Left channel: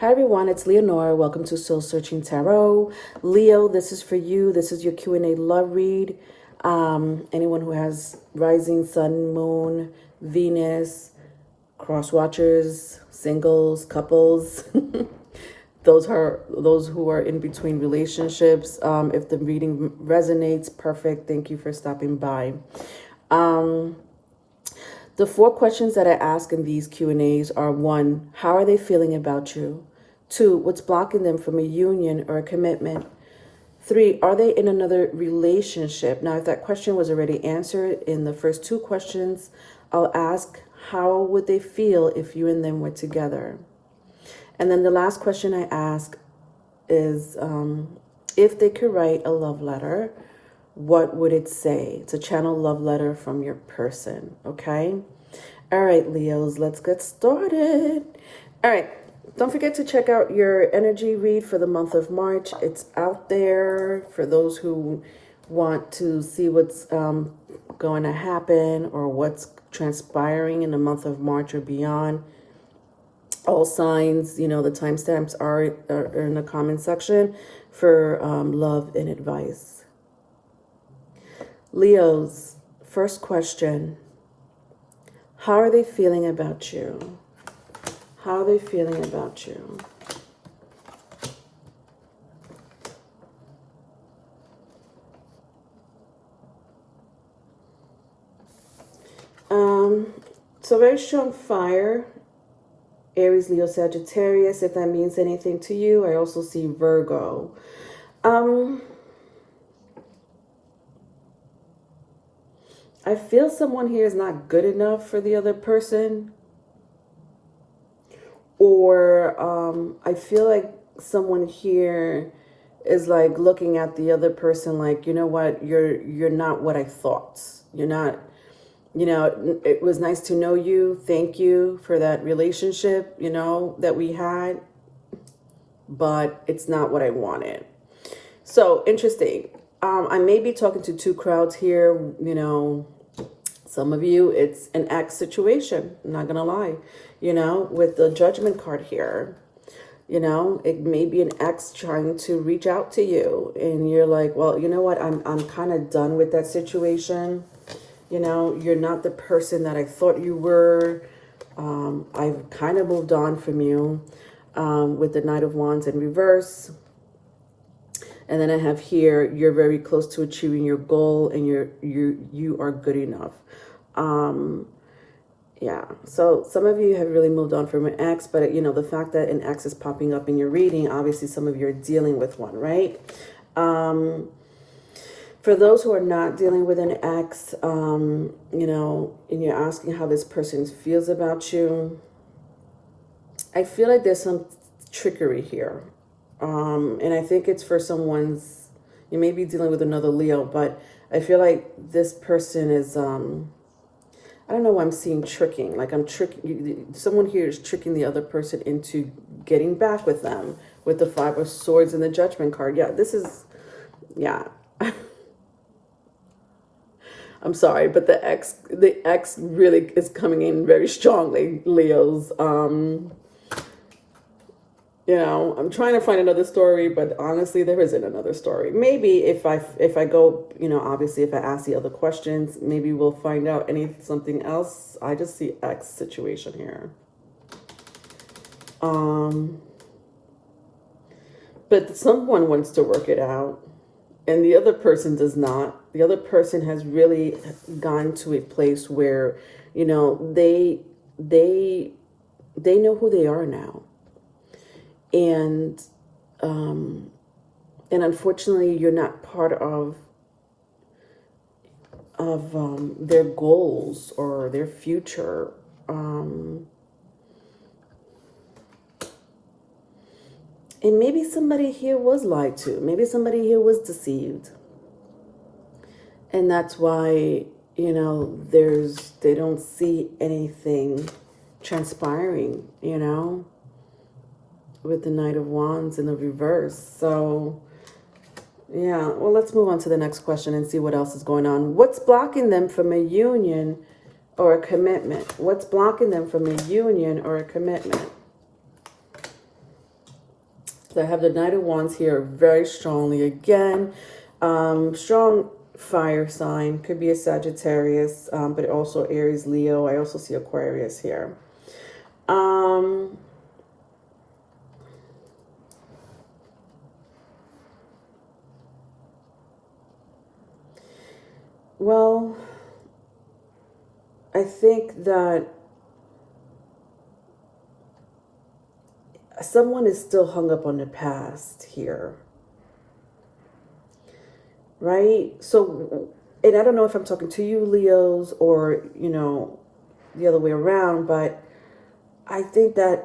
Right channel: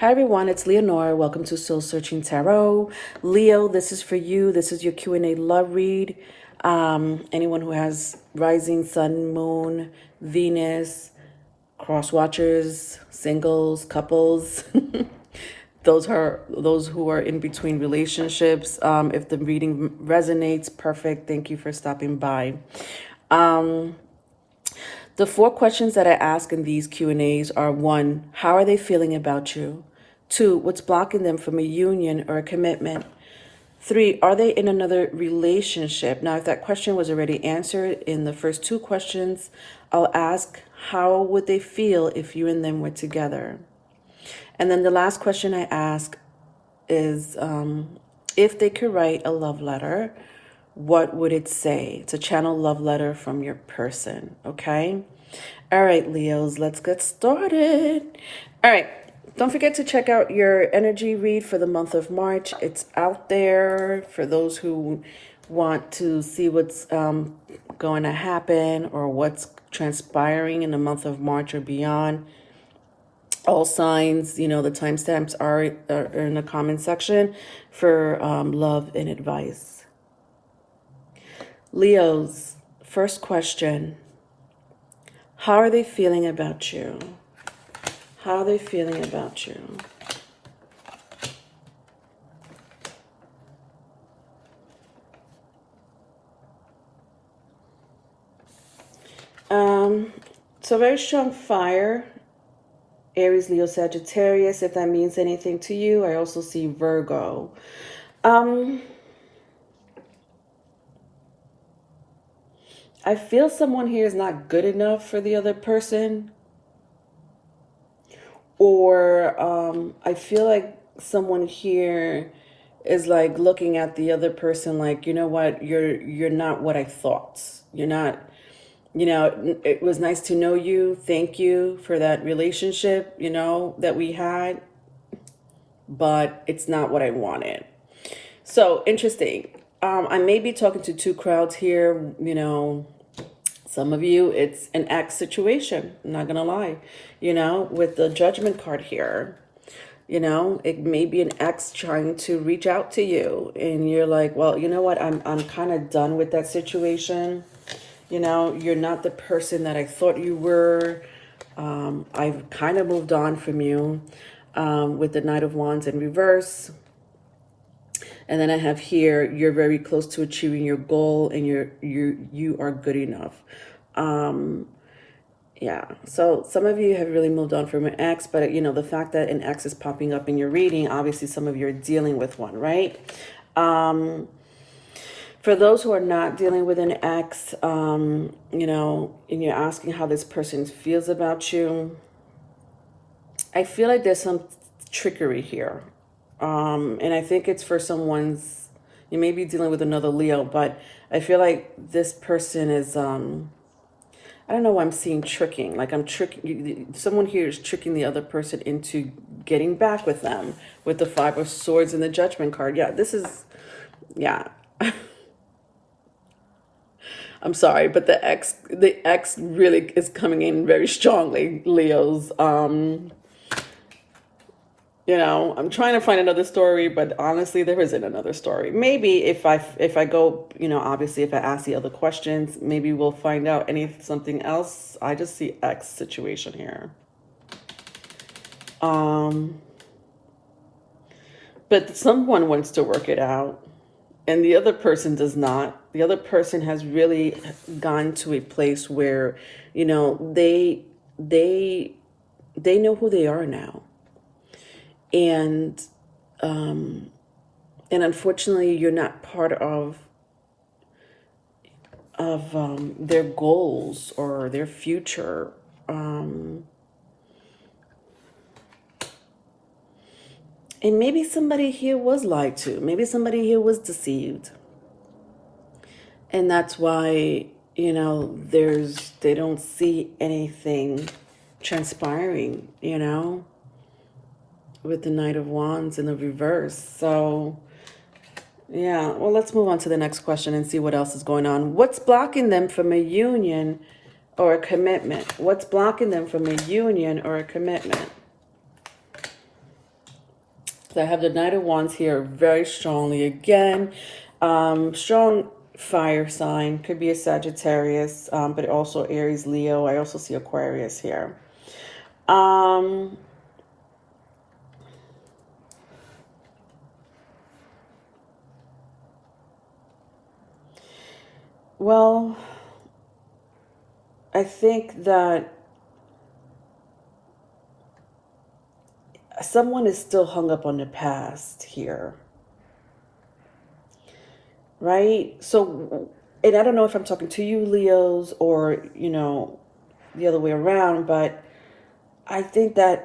Hi everyone, it's Leonora. Welcome to Soul Searching Tarot. Leo, this is for you. This is your Q&A love read. Anyone who has rising sun, moon, Venus, cross watchers, singles, couples, those who are in between relationships. If the reading resonates, perfect. Thank you for stopping by. The four questions that I ask in these Q&As are: 1, how are they feeling about you? 2, what's blocking them from a union or a commitment? 3, are they in another relationship? Now, if that question was already answered in the first 2 questions, I'll ask, how would they feel if you and them were together? And then the last question I ask is, if they could write a love letter, what would it say? It's a channel love letter from your person, okay? All right, Leos, let's get started. All right, don't forget to check out your energy read for the month of March. It's out there for those who want to see what's going to happen or what's transpiring in the month of March or beyond. All signs, the timestamps are in the comment section for love and advice. Leos, first question. How are they feeling about you? How are they feeling about you? So very strong fire. Aries, Leo, Sagittarius, if that means anything to you. I also see Virgo. I feel someone here is not good enough for the other person. Or I feel like someone here is like looking at the other person like, you know what, you're not what I thought. You're not, it was nice to know you. Thank you for that relationship, that we had. But it's not what I wanted. So interesting. I may be talking to 2 crowds here, Some of you, it's an ex situation. I'm not going to lie, with the Judgment card here. It may be an ex trying to reach out to you. And you're like, well, you know what? I'm kind of done with that situation. You're not the person that I thought you were. I've kind of moved on from you with the Knight of Wands in reverse. And then I have here, you're very close to achieving your goal and you are good enough. Yeah, so some of you have really moved on from an ex, but the fact that an ex is popping up in your reading, obviously some of you are dealing with one, right? For those who are not dealing with an ex, and you're asking how this person feels about you, I feel like there's some trickery here. And I think it's for someone's, you may be dealing with another Leo, but I feel like this person is, I don't know why I'm seeing tricking. Like someone here is tricking the other person into getting back with them with the 5 of Swords and the Judgment card. Yeah, this is, yeah. I'm sorry, but the ex really is coming in very strongly, Leos. I'm trying to find another story, but honestly, there isn't another story. Maybe if I go, obviously if I ask the other questions, maybe we'll find out something else. I just see X situation here. But someone wants to work it out and the other person does not. The other person has really gone to a place where, they know who they are now. And unfortunately, you're not part of their goals or their future. And maybe somebody here was lied to. Maybe somebody here was deceived. And that's why, they don't see anything transpiring, with the Knight of Wands in the reverse. So yeah, well, let's move on to the next question and see what else is going on. What's blocking them from a union or a commitment? What's blocking them from a union or a commitment? So I have the Knight of Wands here very strongly again. Strong fire sign, could be a Sagittarius, but also Aries, Leo. I also see Aquarius here. Well, I think that someone is still hung up on the past here, right? So, and I don't know if I'm talking to you, Leos, or, the other way around, but I think that,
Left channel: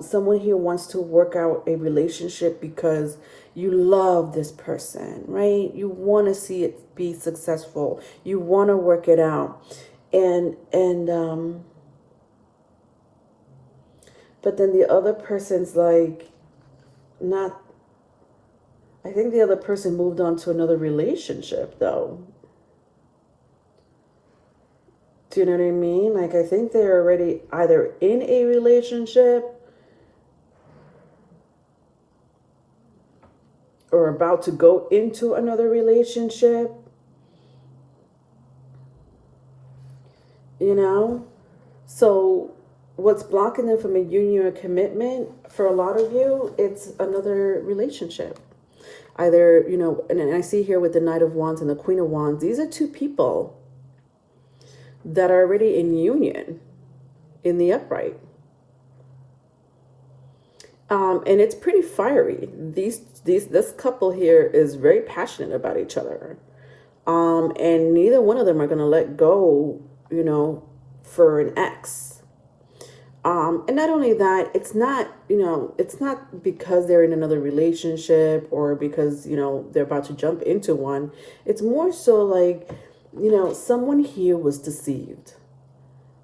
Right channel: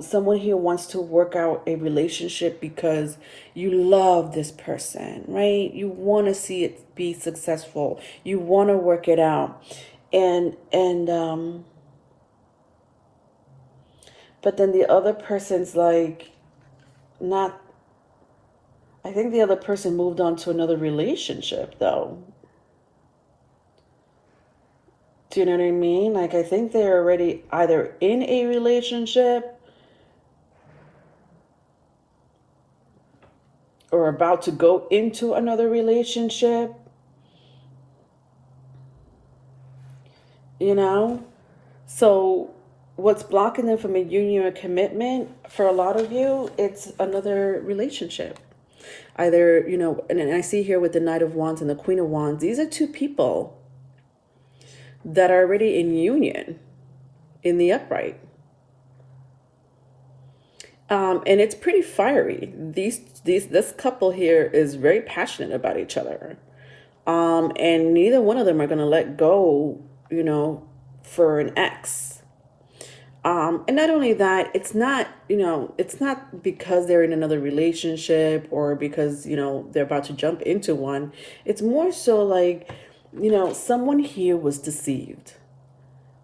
someone here wants to work out a relationship because you love this person, right? You want to see it be successful. You want to work it out. But then the other person's like, not, I think the other person moved on to another relationship though. Do you know what I mean? Like, I think they're already either in a relationship or about to go into another relationship. So what's blocking them from a union or commitment for a lot of you, it's another relationship. Either, and I see here with the Knight of Wands and the Queen of Wands, these are two people that are already in union in the upright. And it's pretty fiery. This couple here is very passionate about each other. And neither one of them are going to let go, for an ex. And not only that, it's not because they're in another relationship or because, they're about to jump into one. It's more so like, someone here was deceived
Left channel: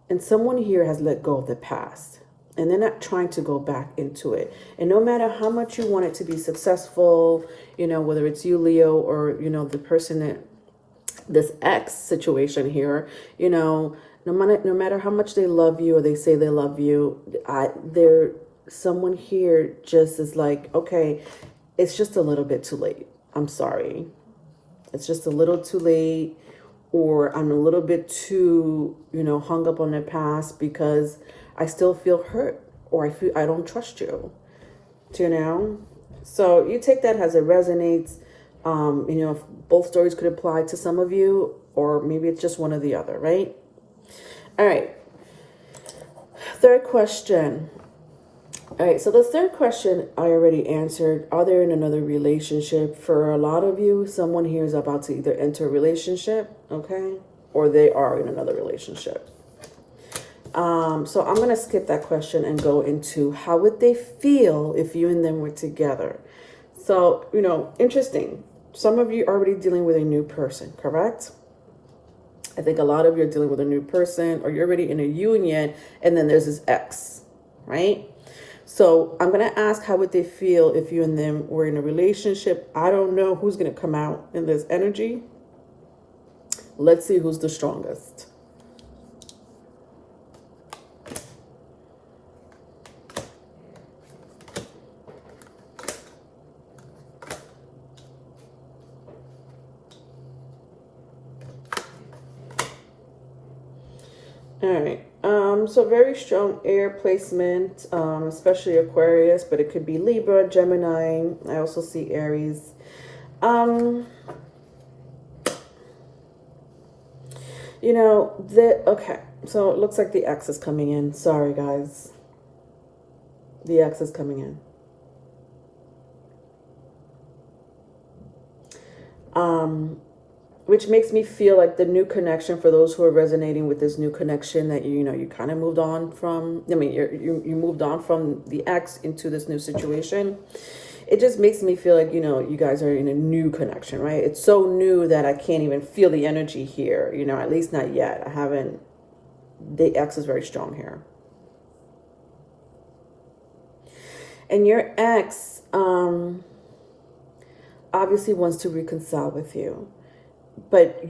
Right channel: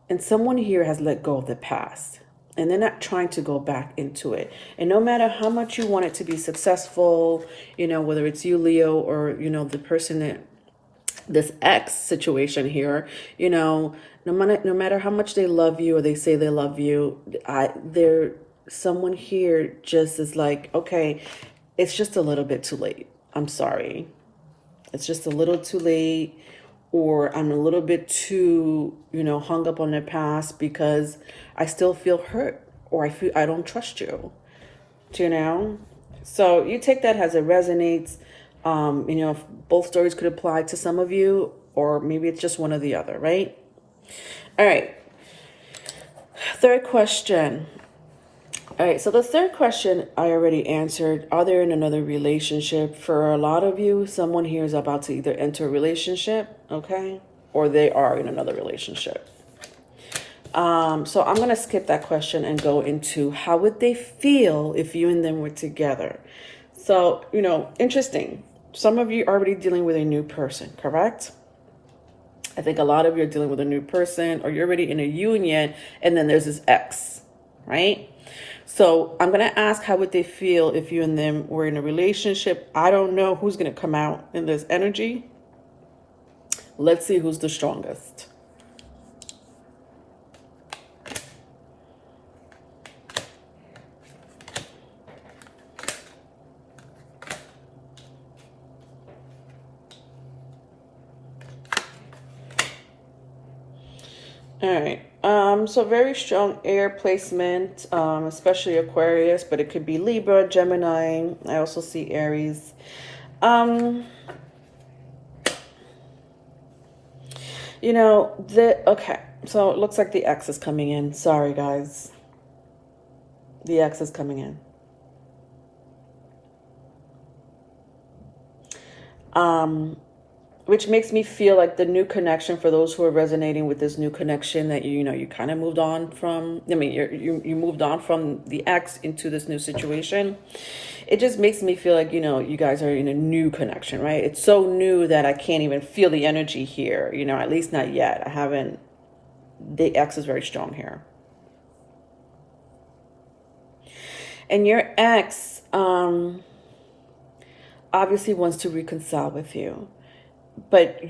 and someone here has let go of the past and they're not trying to go back into it. And no matter how much you want it to be successful, whether it's you, Leo, or, the person that this ex situation here, no matter how much they love you or they say they love you, someone here just is like, okay, it's just a little bit too late. I'm sorry. It's just a little too late, or I'm a little bit too, hung up on the past because I still feel hurt, or I feel I don't trust you. So you take that as it resonates. If both stories could apply to some of you, or maybe it's just one or the other, right? All right. Third question. All right, so the third question I already answered. Are they in another relationship? For a lot of you, someone here is about to either enter a relationship, okay, or they are in another relationship. So I'm going to skip that question and go into how would they feel if you and them were together. So, interesting. Some of you are already dealing with a new person, correct? I think a lot of you are dealing with a new person, or you're already in a union and then there's this ex, right? So I'm going to ask how would they feel if you and them were in a relationship. I don't know who's going to come out in this energy. Let's see who's the strongest. All right. So very strong air placement, especially Aquarius, but it could be Libra, Gemini. I also see Aries. Okay. So it looks like the X is coming in. Sorry, guys. The X is coming in. Which makes me feel like the new connection, for those who are resonating with this new connection, that you kind of moved on from. I mean, you moved on from the ex into this new situation. It just makes me feel like you guys are in a new connection, right? It's so new that I can't even feel the energy here. At least not yet. I haven't. The ex is very strong here, and your ex obviously wants to reconcile with you. But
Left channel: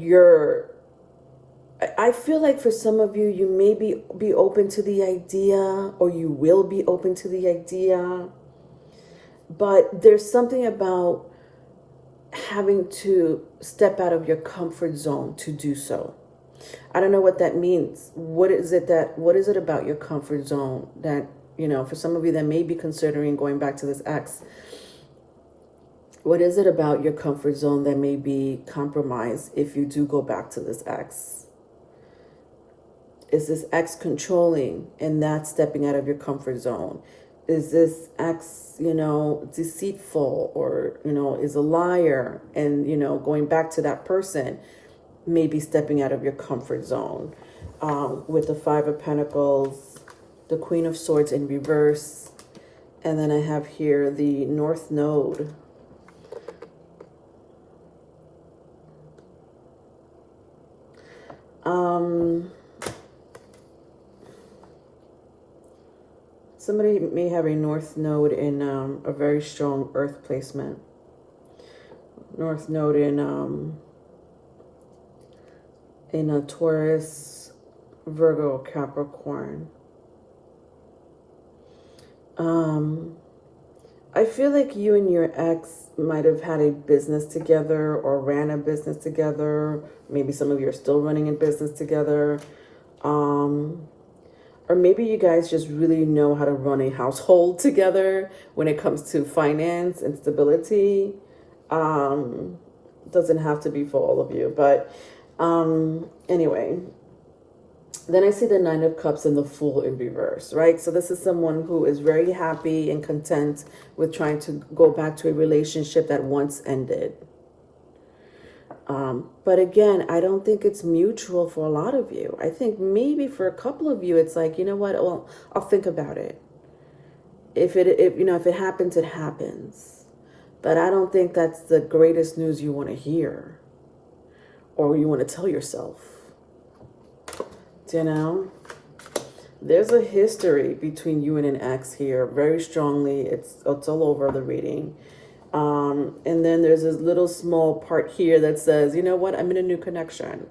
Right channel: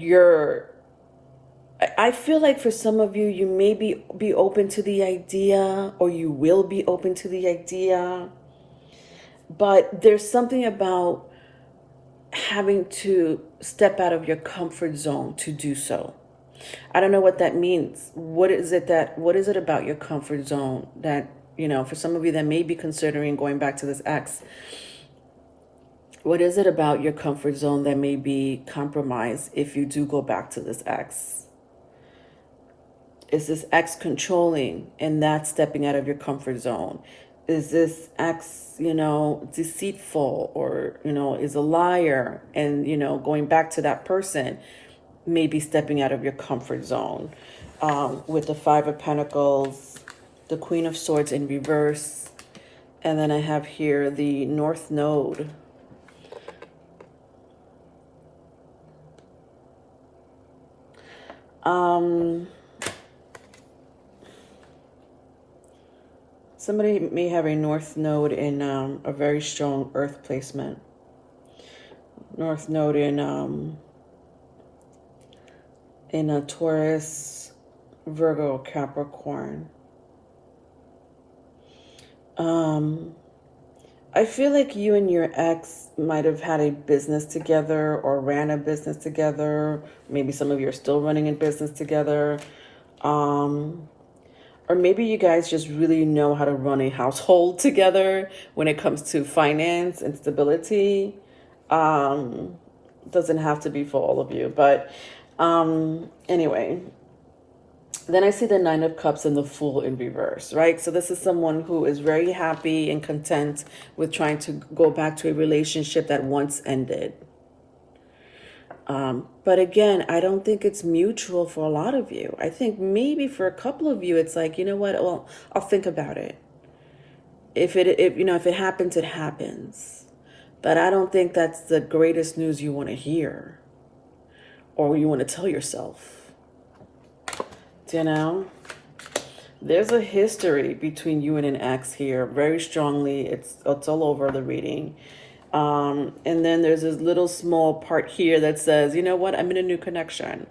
I feel like for some of you, you may be open to the idea, or you will be open to the idea But there's something about having to step out of your comfort zone to do so. I don't know what that means. What is it about your comfort zone that, for some of you that may be considering going back to this ex, what is it about your comfort zone that may be compromised if you do go back to this ex? Is this ex controlling and not stepping out of your comfort zone? Is this ex, deceitful, or, is a liar and, going back to that person, maybe stepping out of your comfort zone? With the Five of Pentacles, the Queen of Swords in reverse, and then I have here the North Node. Somebody may have a North Node in a very strong Earth placement. North Node in a Taurus, Virgo, Capricorn. I feel like you and your ex might have had a business together or ran a business together. Maybe some of you are still running a business together. Or maybe you guys just really know how to run a household together when it comes to finance and stability. Doesn't have to be for all of you, but anyway. Then I see the Nine of Cups and the Fool in reverse, right? So this is someone who is very happy and content with trying to go back to a relationship that once ended. But again, I don't think it's mutual for a lot of you. I think maybe for a couple of you, it's like, you know what? Well, I'll think about it. If it happens, it happens. But I don't think that's the greatest news you want to hear or you want to tell yourself. There's a history between you and an ex here, very strongly. It's all over the reading. And then there's this little small part here that says, you know what, I'm in a new connection,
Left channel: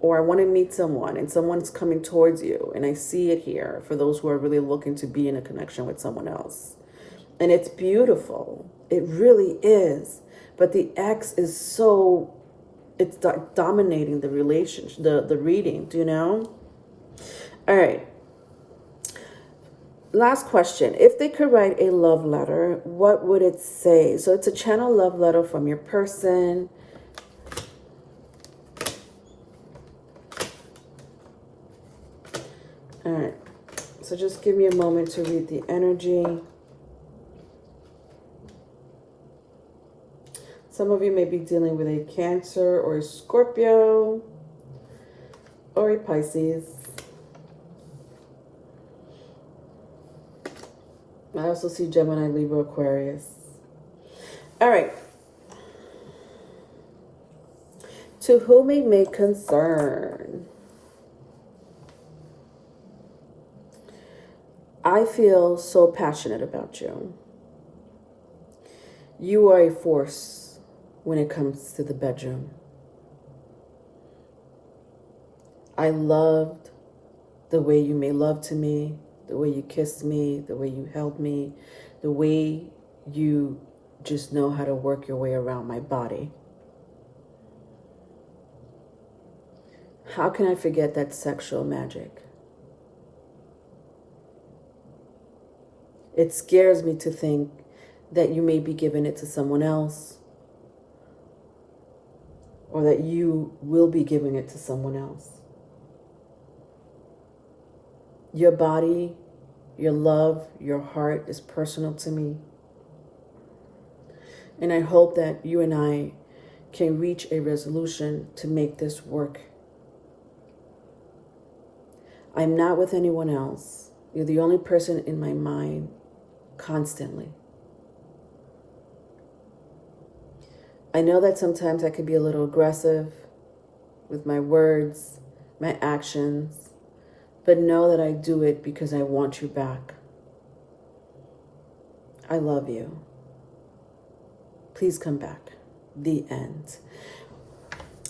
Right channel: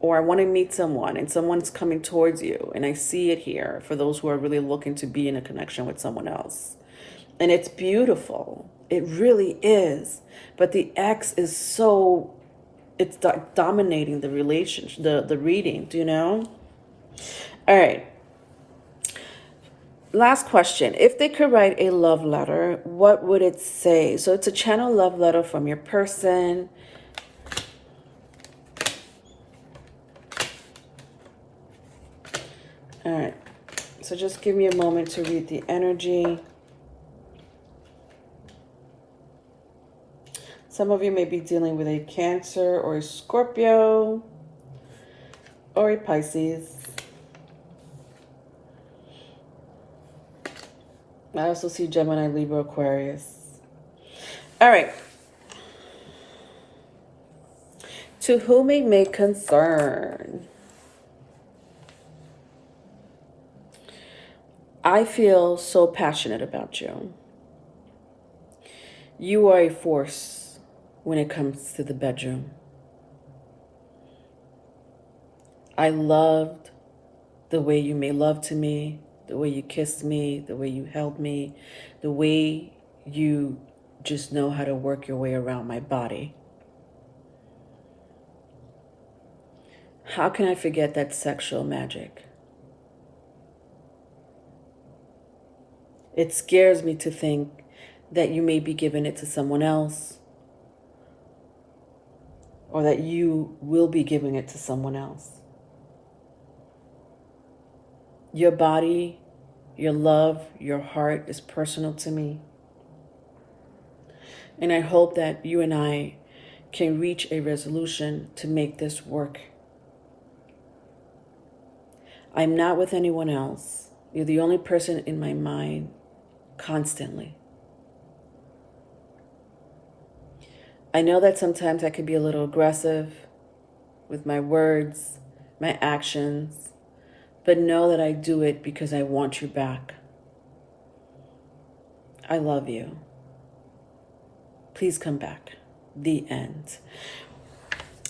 or I want to meet someone and someone's coming towards you. And I see it here for those who are really looking to be in a connection with someone else. And it's beautiful. It really is. But the ex is it's dominating the relationship, the reading, do you know? All right. Last question. If they could write a love letter, what would it say? So it's a channel love letter from your person. All right. So just give me a moment to read the energy. Some of you may be dealing with a Cancer or a Scorpio or a Pisces. I also see Gemini, Libra, Aquarius. All right. To whom it may concern. I feel so passionate about you. You are a force when it comes to the bedroom. I loved the way you made love to me, the way you kissed me, the way you held me, the way you just know how to work your way around my body. How can I forget that sexual magic? It scares me to think that you may be giving it to someone else, or that you will be giving it to someone else. Your body, your love, your heart is personal to me. And I hope that you and I can reach a resolution to make this work. I'm not with anyone else. You're the only person in my mind constantly. I know that sometimes I can be a little aggressive with my words, my actions, but know that I do it because I want you back. I love you. Please come back. The end.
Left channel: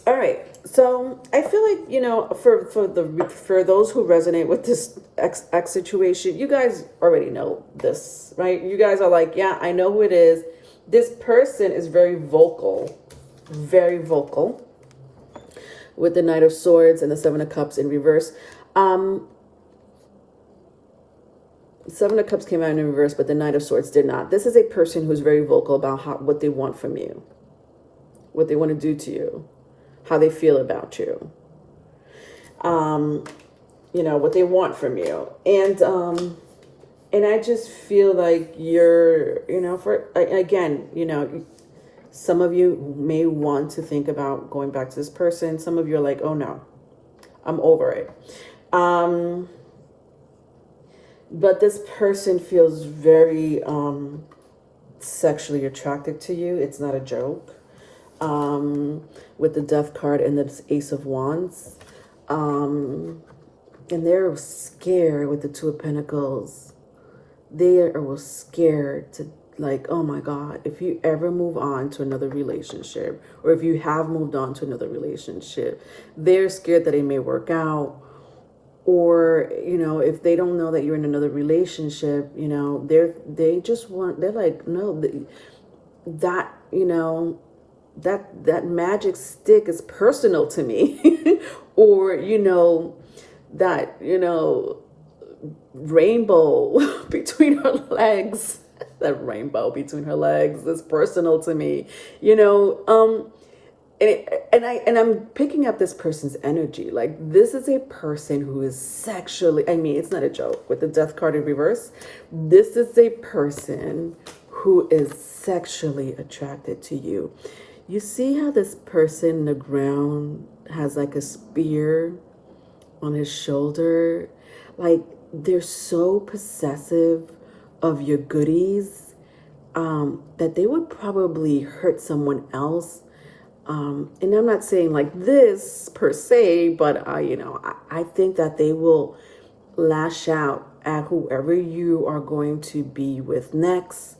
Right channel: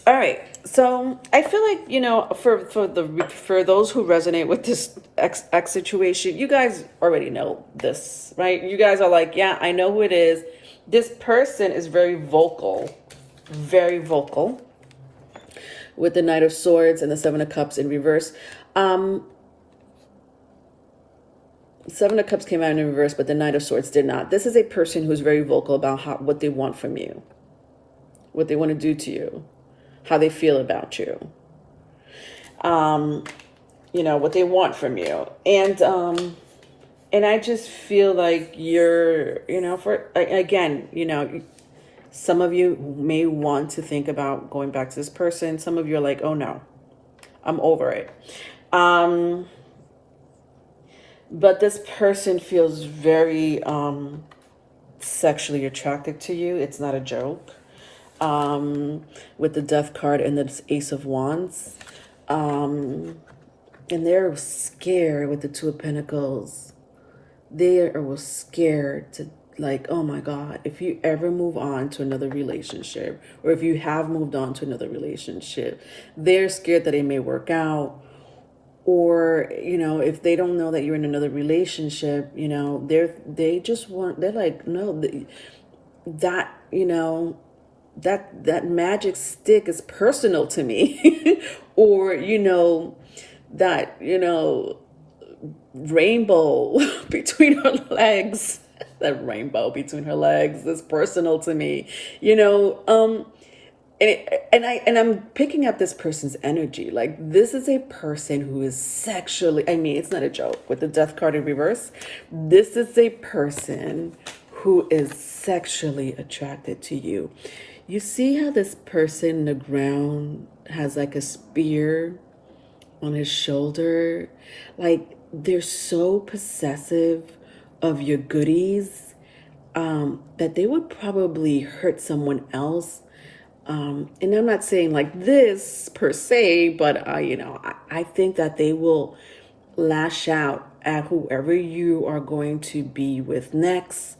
All right. So I feel like, for those who resonate with this X situation, you guys already know this, right? You guys are like, yeah, I know who it is. This person is very vocal with the Knight of Swords and the Seven of Cups in reverse. Seven of Cups came out in reverse, but the Knight of Swords did not. This is a person who's very vocal about what they want from you, what they want to do to you, how they feel about you, what they want from you. And I just feel like you're, some of you may want to think about going back to this person. Some of you are like, oh no, I'm over it. But this person feels very sexually attracted to you. It's not a joke. With the Death card and the Ace of Wands. And they're scared with the Two of Pentacles. They are scared to, like, oh my God, if you ever move on to another relationship, or if you have moved on to another relationship, they're scared that it may work out. Or, if they don't know that you're in another relationship, they're like, no, that magic stick is personal to me. Or, that, rainbow between her legs, that rainbow between her legs is personal to me, and I'm picking up this person's energy. Like, this is a person who is sexually, it's not a joke with the Death card in reverse. This is a person who is sexually attracted to you. You see how this person in the ground has like a spear on his shoulder? Like, they're so possessive of your goodies that they would probably hurt someone else. And I'm not saying like this per se, but I think that they will lash out at whoever you are going to be with next,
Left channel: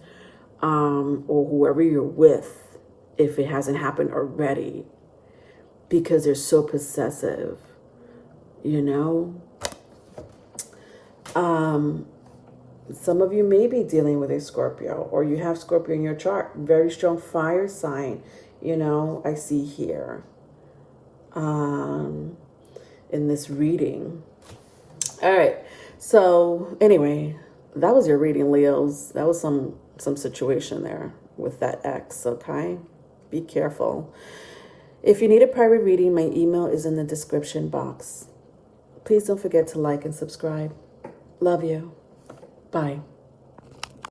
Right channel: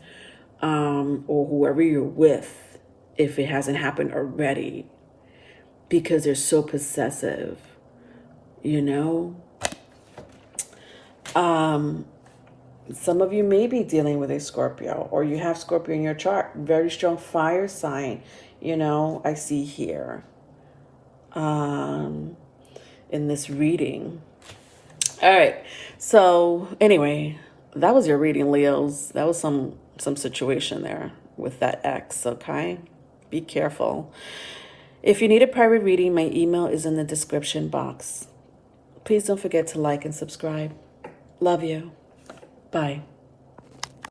or whoever you're with, if it hasn't happened already, because they're so possessive, Some of you may be dealing with a Scorpio, or you have Scorpio in your chart, very strong fire sign, I see here, in this reading. All right. So anyway, that was your reading, Leos. That was some situation there with that X. Okay. Be careful. If you need a private reading, my email is in the description box. Please don't forget to like and subscribe. Love you. Bye.